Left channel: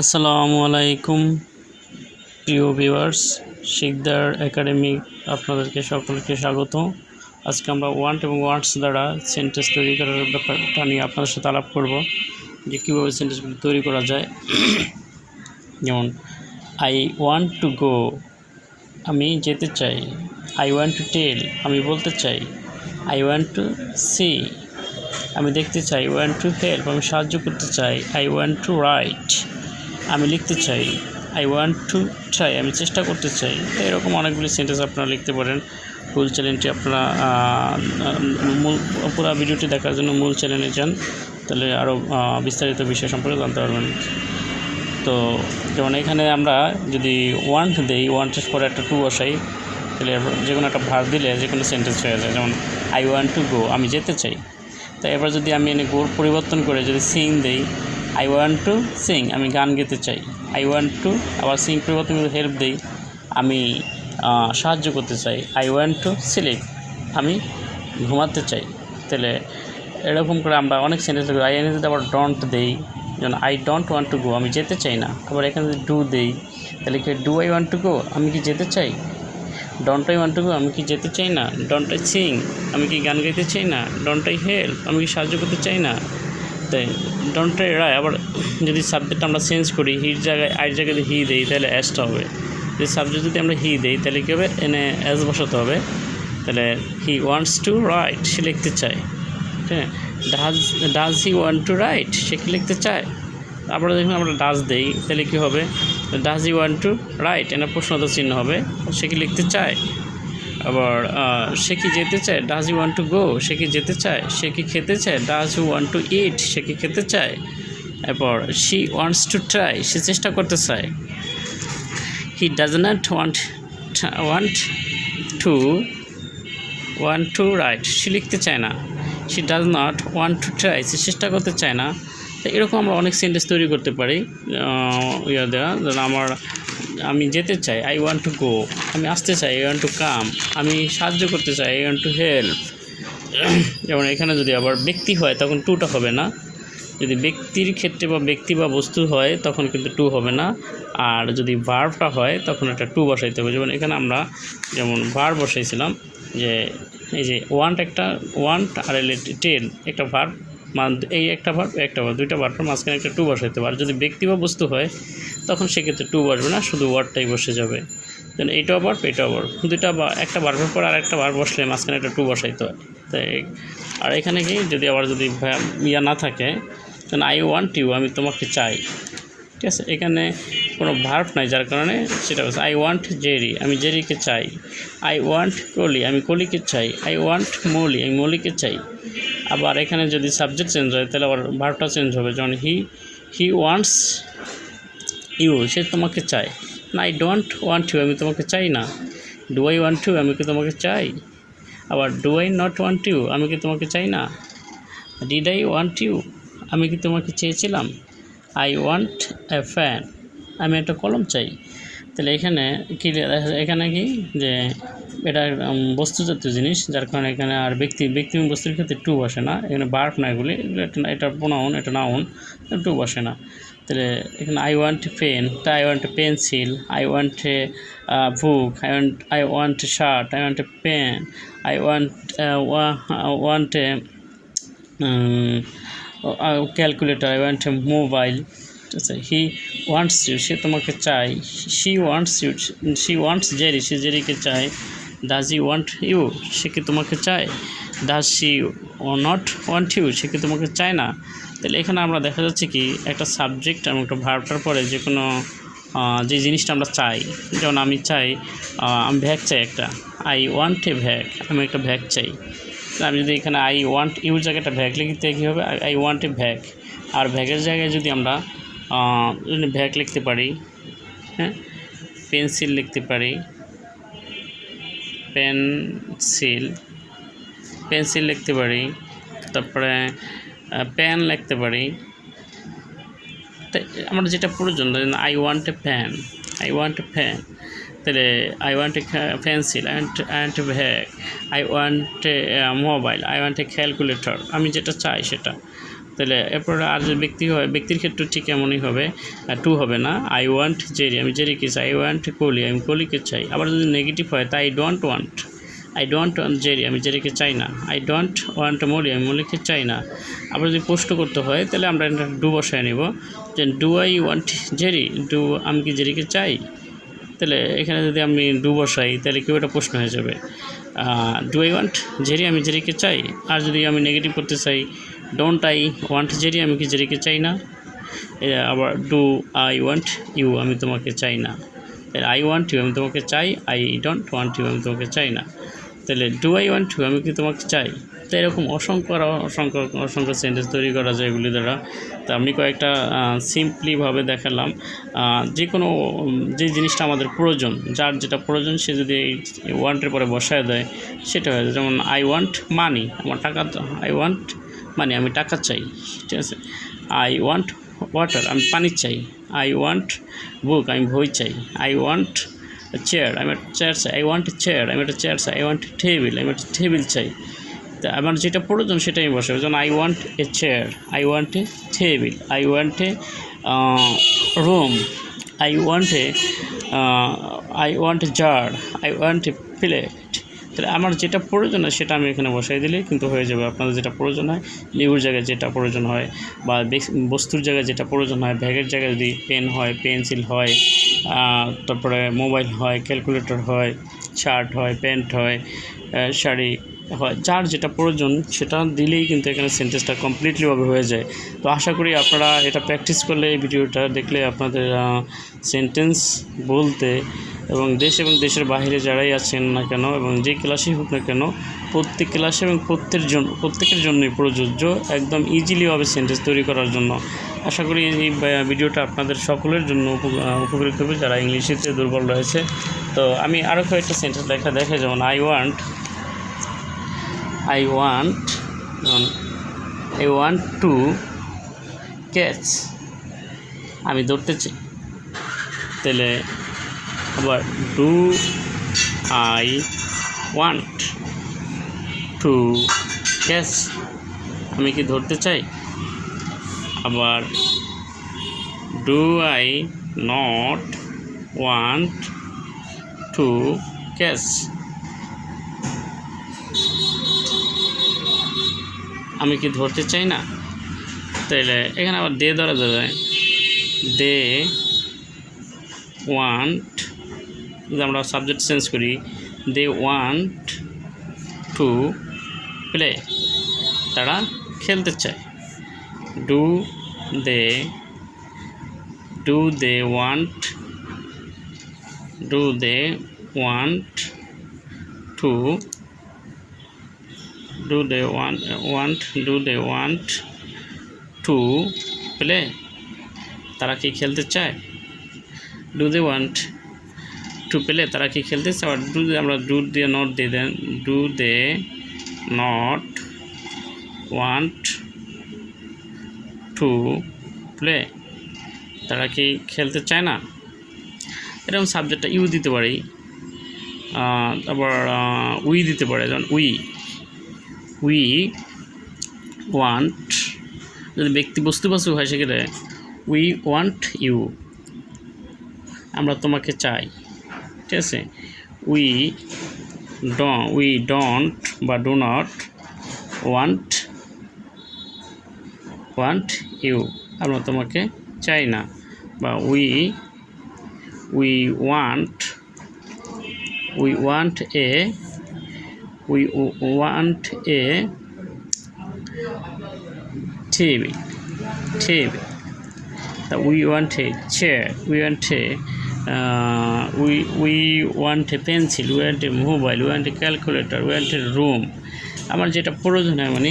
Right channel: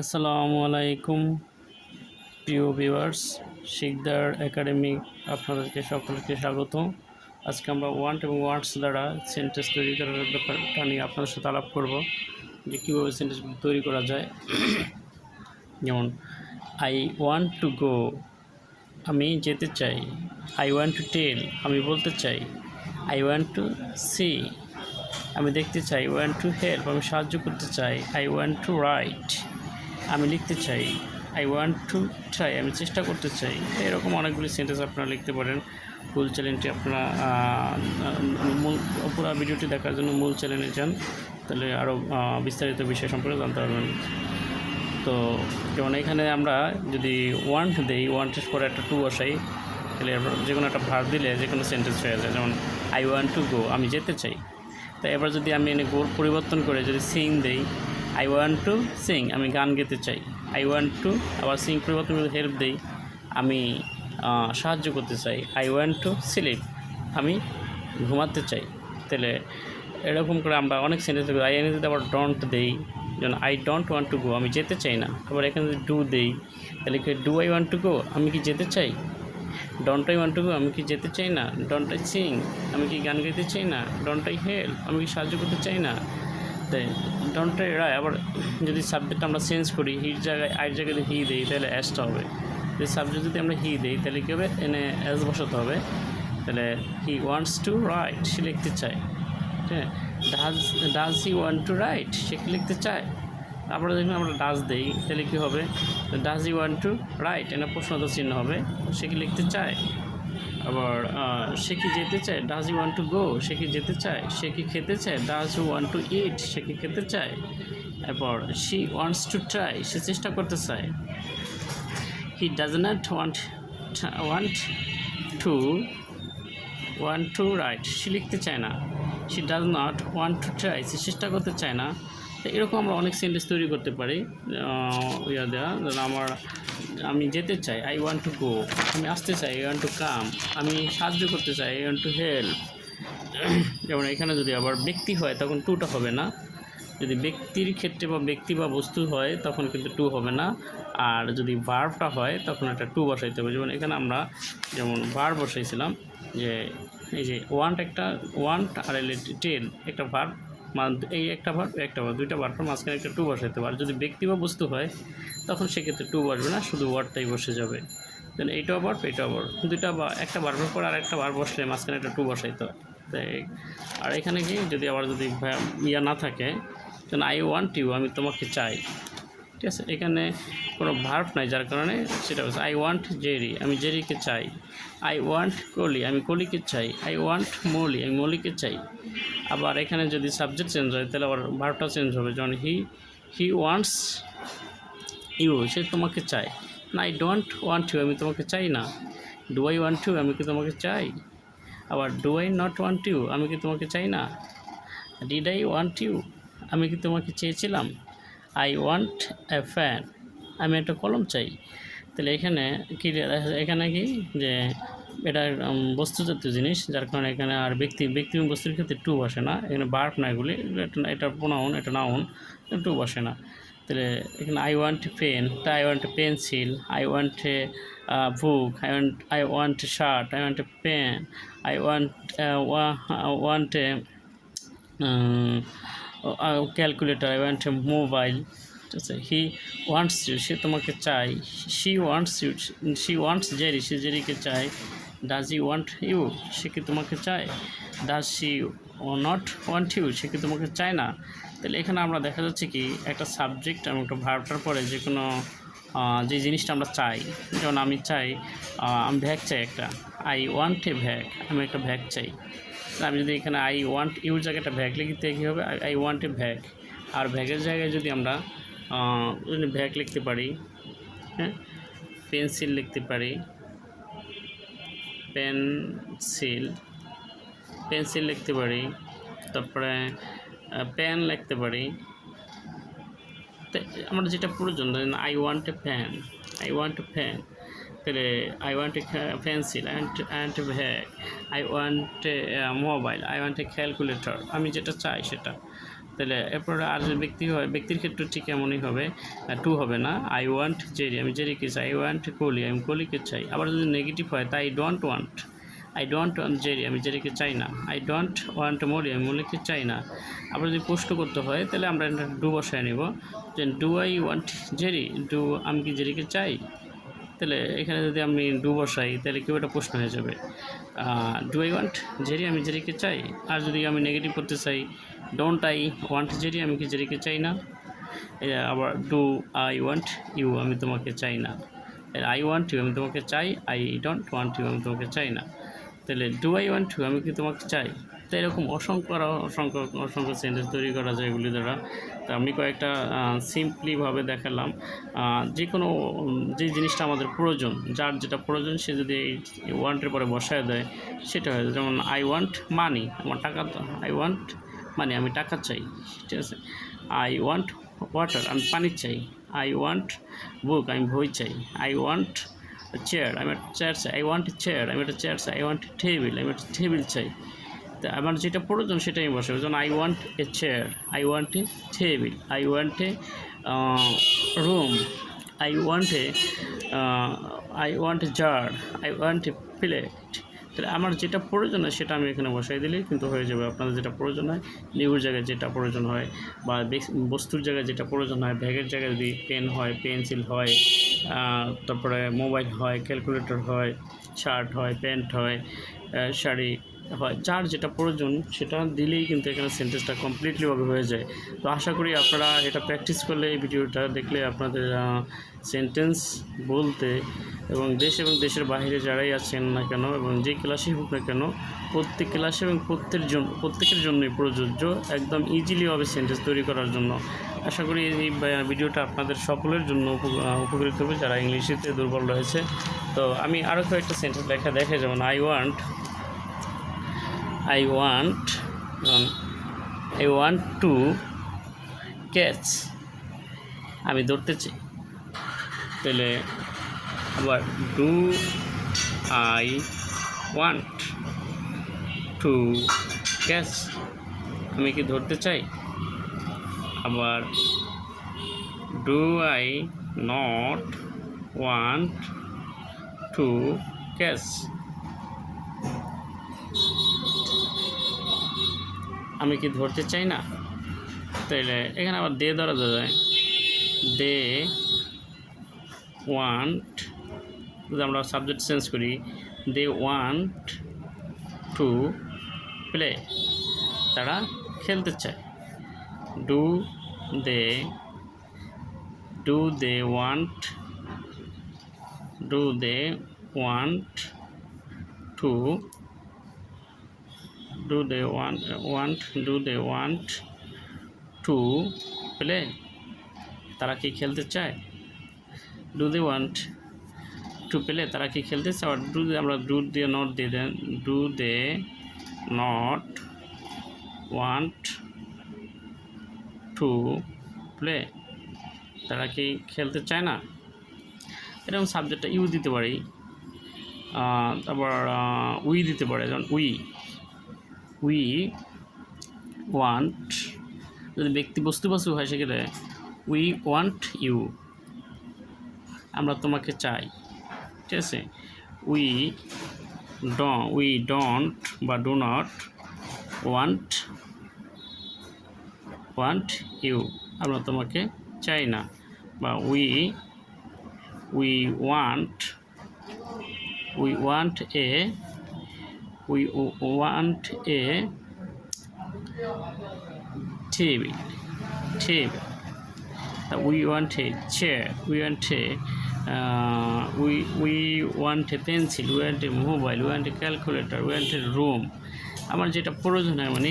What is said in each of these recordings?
আসসালামু আলাইকুম, প্রিয় ভিউয়ার্স, শিকদার একাডেমি আপনাদেরকে সকলকে স্বাগত। আজকে আমরা ওয়ান্ট এবং ওয়ান্টস দ্বারা সেন্টেন্স তৈরি করার ব্যাপারটা নিয়ে আপনাদের সাথে আলাপ করব, যে কীভাবে সেন্টেন্সগুলো তৈরি করা যায়। যেমন আই ওয়ান্ট টু গো আমি যেতে চাই। আই ওয়ান্ট টু টেল আমি বলতে চাই। আই ওয়ান্ট টু সি আমি দেখতে চাই। ওয়ান্ট টু হেল্প আমি সাহায্য করতে চাই। আই ওয়ান্ট টু রাইট আমি লিখতে চাই আই ওয়ান্ট টু ট্রাই আমি চেষ্টা করতে চাই। এরকম অনেকগুলি সেন্টেন্স আপনারা লিখতে পারেন। মূল চ্যানেলটি আপনারা মূল, পুরো ভিডিওটি দেখার জন্য মূল চ্যানেলে যান। তাহলে আরও বিস্তারিত বিষয় সম্পর্কে জানতে পারবেন। তো যেমন এখানে আমরা যদি ওয়ান্ট দেই ওয়ান্টের পরে একটা টু বসাই, তাহলে যে কোনো একটা ভার দিলে যে কোনো সেন্টেন্স হয়ে যায়। যেমন আই ওয়ান্ট টু গো আমি যেতে চাই। তো এবার যদি আমি এনে গোর পরিবর্তন করে যদি সিন দেই আই ওয়ান্ট টু সিং আমি গান গেতে চাই। আই ওয়ান্ট টু আবার সিং পরিবর্তন হেল্প দেই। আমি সাহায্য করতে চাই। আই ওয়ান্ট টু স্লিপ আমি ঘুমাতে চাই। তাহলে এরকম করে আমরা অনেক সেন্টেন্স আই এনে যদি আবার ডোন্ট দেই। যেমন I don't want to go আমি যেতে চাই না। আবার এখানে যদি ডু দেই, তাহলে কি do I want to go আমি কি যেতে চাই? Don't I want to go আমি কি যেতে চাই না? ডন্ট আই সিং আমি কি গান গাইতে চাই না? ডন্ট আই হেল্প আমি কি সাহায্য করতে চাই না? তাই ডন্ট আই রায় আবার যদি সাবজেক্ট আমরা চেঞ্জ করি হির জায়গায় আইর জায়গায় হি দেই, তাহলে অ্যাসটা হবে। যদি সাবজেক্ট যদি আমরা হি দেই, তাহলে কী হবে? এনে অ্যাস বসাতে হবে। তাহলে হি ওয়ান্টস টু রাইট সে লিখতে চায়। হ্যাঁ does does he want to write সে কি লিখতে চায়? আবার যখন আমরা ডাজ দেই, তাহলে কী হবে? Does he want to write এনে প্রশ্নতা চিহ্ন হবে। সে কি লিখতে চায়? আবার সে কি যেতে চায়? Does you want to go সে কি যেতে চায়? সে কি খেতে চায়? Does you want to eat সে কি খেতে চায়? এরপর শি ওয়ান্টস টু ট্রাই সে চেষ্টা করতে চায়। He does not want want to want to write সে লিখতে চায় না। She does not want to try সে চেষ্টা করতে চায় না। তো এরকম আমরা অনেক সেন্টেন্স তৈরি করতে পারি। ইয়া দেওয়া আমার আমি যেতে চাই আই ওয়ান্ট টু গো আমি আসতে চাই আই ওয়ান্ট টু কাম আমি সাহায্য করতে চাই আই ওয়ান্ট টু হেল্প যেমন এখানে যদি আবার ব্যক্তি হয়, তখন টুটা হবে না। যদি ব্যক্তির ক্ষেত্রে বা ব্যক্তি বা বস্তু হয়, তখন কিন্তু টু হবে না। আর যদি ভার্বটা হয়, তখন একটা টু বসাইতে হবে। যেমন এখানে আমরা যেমন ভার বসাইছিলাম, যে এই যে ওয়ান্ট একটা ওয়ান্ট আর টেন একটা ভার্ব মান এই একটা ভার্ব একটা ভার্ব দুইটা ভার্বের মাঝখানে একটা টু বসাইতে হবে। আর যদি ব্যক্তি বা বস্তু হয় তখন সেক্ষেত্রে টু বসবে না, শুধু ওয়ার্ডটাই বসে যাবে। দেন এইটাও ভার্ব এটাও ভার্ব দুইটা বা, একটা ভার্বের পর আর একটা ভার্ব বসলে মাঝখানে একটা টু বসাইতে হয়। তাই আর এখানে কি, যদি আবার যদি ইয়া না থাকে যেন আই ওয়ান্ট ইউ আমি তোমাকে চাই। ঠিক আছে? এখানে কোনো ভার্ভ নাই, যার কারণে সেটা হচ্ছে আই ওয়ান্ট জেরি আমি জেরিকে চাই। আই ওয়ান্ট কলি আমি কলিকে চাই। আই ওয়ান্ট মৌলি আমি মৌলিকে চাই। আবার এখানে যদি সাবজেক্ট চেঞ্জ হয়, তাহলে আবার ভার্ভটা চেঞ্জ হবে। যেমন হি হি ওয়ান্টস ইউ সে তোমাকে চায়। না আই ডোন্ট ওয়ান্ট ইউ আমি তোমাকে চাই না। ডু আই ওয়ান্ট ইউ আমি কি তোমাকে চাই? আবার do I not want you আমি কি তোমাকে চাই না? ডিড আই ওয়ান্ট ইউ আমি কি তোমাকে চেয়েছিলাম? আই ওয়ান্ট এ ফ্যান আমি একটা কলম চাই। তাহলে এখানে কি এখানে কি? যে এটা উম, বস্তুজাতীয় জিনিস যার কারণে এখানে আর ব্যক্তি ব্যক্তি বস্তুর ক্ষেত্রে টু বসে না। এখানে বার্ফ না এগুলি এটা এটা প্রোনাউন এটা নাউন টু বসে না। তাহলে এখানে আই ওয়ান্ট পেন তা I want pencil I want a book I want I want shirt I want pen I want want a calculator I want a mobile আছে হি ওয়ান্টস ইউ সে তোমাকে চাই she wants you she wants Jerry সে জেরিকে চায় does he want you সে কি তোমাকে চায় does she not want you সে কি তোমাকে চায় না? তাহলে এখানে আমরা দেখা যাচ্ছে কি একটা সাবজেক্ট এবং একটা ভার্বটার পরে যে কোনো যে জিনিসটা আমরা চাই, যেমন আমি চাই আমি ভ্যাগ চাই একটা। আই ওয়ান্ট এ ভ্যাগ আমি একটা ভ্যাগ চাই। আমি যদি এখানে আই ওয়ান্ট ইউর জায়গাটা ভ্যাগ লিখতে কী হবে? আই ওয়ান্ট এ ভ্যাগ আর ভ্যাগের জায়গায় যদি আমরা ভ্যাগ লিখতে পারি হ্যাঁ পেন্সিল লিখতে পারি পেন্সিল পেন্সিল লিখতে পারি, তারপরে পেন লিখতে পারি। আমার যেটা প্রয়োজন I want a fan I want a fan তাহলে I want a pencil and and I want a mobile I want a calculator আমি যেটা চাই সেটা। তাহলে এরপর আর যে ব্যক্তি হয়, ব্যক্তির ক্ষেত্রে ঠিক এমনই হবে টু হবে না। আই ওয়ান্ট জেরি আমি জেরিকে চাই আই ওয়ান্ট কোহলি আমি কোহলিকে চাই। আবার যদি নেগেটিভ হয়, তাই I don't want I don't want Jerry আমি জেরিকে চাই না। আই ডোন্ট ওয়ান্ট মলি আমি মলিকে চাই না। আবার যদি প্রশ্ন করতে হয়, তাহলে আমরা এটা ডু বসায় নেব। যে do I want Jerry do আমি কি জেরিকে চাই? তাহলে এখানে যদি আমি ডু বসাই, তাহলে কেউ একটা প্রশ্ন হয়ে যাবে। ডু আই ওয়ান্ট জেরি আমি জেরিকে চাই? আর যদি আমি নেগেটিভ করতে চাই ডোন্ট আই ওয়ান্ট জেরি আমি কি জেরিকে চাই না? আবার ডু আই ওয়ান্ট ইউ আমি তোমাকে চাই না। আই ওয়ান্ট ইউ আমি তোমাকে চাই। আই ডোন্ট ওয়ান্ট ইউ আমি তোমাকে চাই না। তাহলে ডু আই ওয়ান্ট টু আমি কি তোমাকে চাই? তো এরকম অসংখ্য অসংখ্য অসংখ্য সেন্টেন্স তৈরি করা যায় এগুলি দ্বারা। তো আমি কয়েকটা সিম্পলিভাবে দেখালাম। যে কোনো যে জিনিসটা আমাদের প্রয়োজন, যার যেটা প্রয়োজন সে যদি এই ওয়ান্টের পরে বসায় দেয়, সেটা হয় যেমন আই ওয়ান্ট মানি আমার টাকা তো আই ওয়ান্ট মানি আমি টাকা চাই, ঠিক আছে? আই ওয়ান্ট ওয়াটার আমি পানি চাই আই ওয়ান্ট বুক আমি বই চাই আই ওয়ান্ট চেয়ার আমি একটা চেয়ার চাই আই ওয়ান্ট চেয়ার আমি একটা চেয়ার চাই আই ওয়ান্ট টেবিল আমি একটা টেবিল চাই তা আমার যেটা প্রয়োজন সেটা আমি বসাবো যেমন I want a chair I want a table I want a room I want a I want a jar I want a plate তাহলে আমার যেটা প্রয়োজন হয় সেটা আমি এখানে বসাই দিলে কিন্তু হয়ে যাবে। আপনাদের যেটা প্রয়োজন হয় লিউর জায়গায় যেটা প্রয়োজন হয় বা বেস- বস্তুর জায়গায় যেটা প্রয়োজন হয়, ব্যাগের জায়গায় যদি পেন হয়, পেন্সিল হয় তারপরে মোবাইল হয়, ক্যালকুলেটর হয়, শার্ট হয়, প্যান্ট হয় শাড়ি হয়, যার যেটা প্রয়োজন সেটা দিলেই কিন্তু এখানে সেন্টেন্সটা কমপ্লিটলিভাবে হয়ে যায়। তো আশা করি আপনারা এটা প্র্যাকটিস করলে এই ভিডিওটা দেখলে আপনাদের সেন্টেন্স বলতে এবং দেশ এবং দেশের বাইরে যারাই আছেন না কেন এবং যে ক্লাসেই হোক না কেন, প্রত্যেক ক্লাসে এবং প্রত্যেকের জন্য প্রত্যেকের জন্যই প্রযোজ্য, একদম ইজিলিভাবে সেন্টেন্স তৈরি করার জন্য। আশা করি এই ভিডিওটা আপনাদের সকলের জন্য উপ- উপকৃত হবে যারা ইংলিশেতে দুর্বল রয়েছে। তো আমি আরও কয়েকটা সেন্টেন্স লেখা দেখে, যেমন I want I want um, I want to catch. আমি ধরতে চাই তাহলে আবার do I want to catch আমি কি ধরতে চাই? আবার do I not want to catch আমি কি ধরতে চাই না? তাহলে এখানে আবার দে ধরা যায় দে ওয়ান্ট যদি আমরা সাবজেক্ট চেঞ্জ করি, দে ওয়ান্ট টু প্লে তারা খেলতে চায়। Do they do they want do they want to do they want want, do they want to play? তারা কি খেলতে চায়? Do they want to play তারা কি খেলতে চায়? আবার ডু আমরা do they not they then. Do they not want to play তারা কি খেলতে চায় না? এরকম সাবজেক্টটা ইউ দিতে পারি। তারপর উই দিতে পারে। যেমন উই উই ওয়ান্ট যদি ব্যক্তি বস্তুবাচক হয়, সেক্ষেত্রে উই ওয়ান্ট ইউ আমরা তোমাকে চাই, ঠিক আছে? উই ড উই ডোন্ট বা do not want want you আমরা তোমাকে চাই না, বা we we want we want a want a TV, TV. Uh, we want a chair we want a uh, we we want a pencil we want a mobile we want a calculator we want a room আমার যেটা প্রয়োজন হয় মানে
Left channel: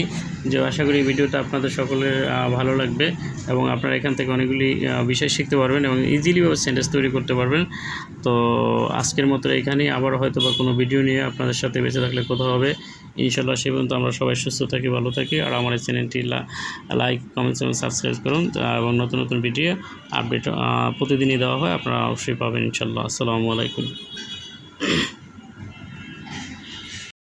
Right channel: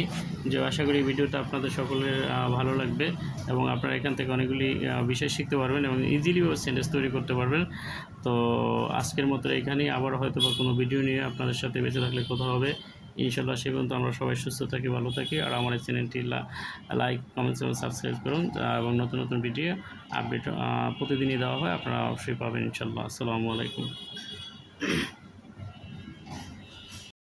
যে আশা করি ভিডিওটা আপনাদের সকলের ভালো লাগবে এবং আপনারা এখান থেকে অনেকগুলি বিষয় শিখতে পারবেন এবং ইজিলিভাবে সেন্টেন্স তৈরি করতে পারবেন। তো আজকের মতো এখানেই, আবার হয়তো বা কোনো ভিডিও নিয়ে আপনাদের সাথে বেঁচে থাকলে কোথাও হবে। ইনশাল্লাহ সে পর্যন্ত আমরা সবাই সুস্থ থাকি, ভালো থাকি। আর আমার এই চ্যানেলটি লাইক কমেন্টস এবং সাবস্ক্রাইব করুন এবং নতুন নতুন ভিডিও আপডেট প্রতিদিনই দেওয়া হয়, আপনারা অবশ্যই পাবেন ইনশাল্লাহ আসসালামু আলাইকুম।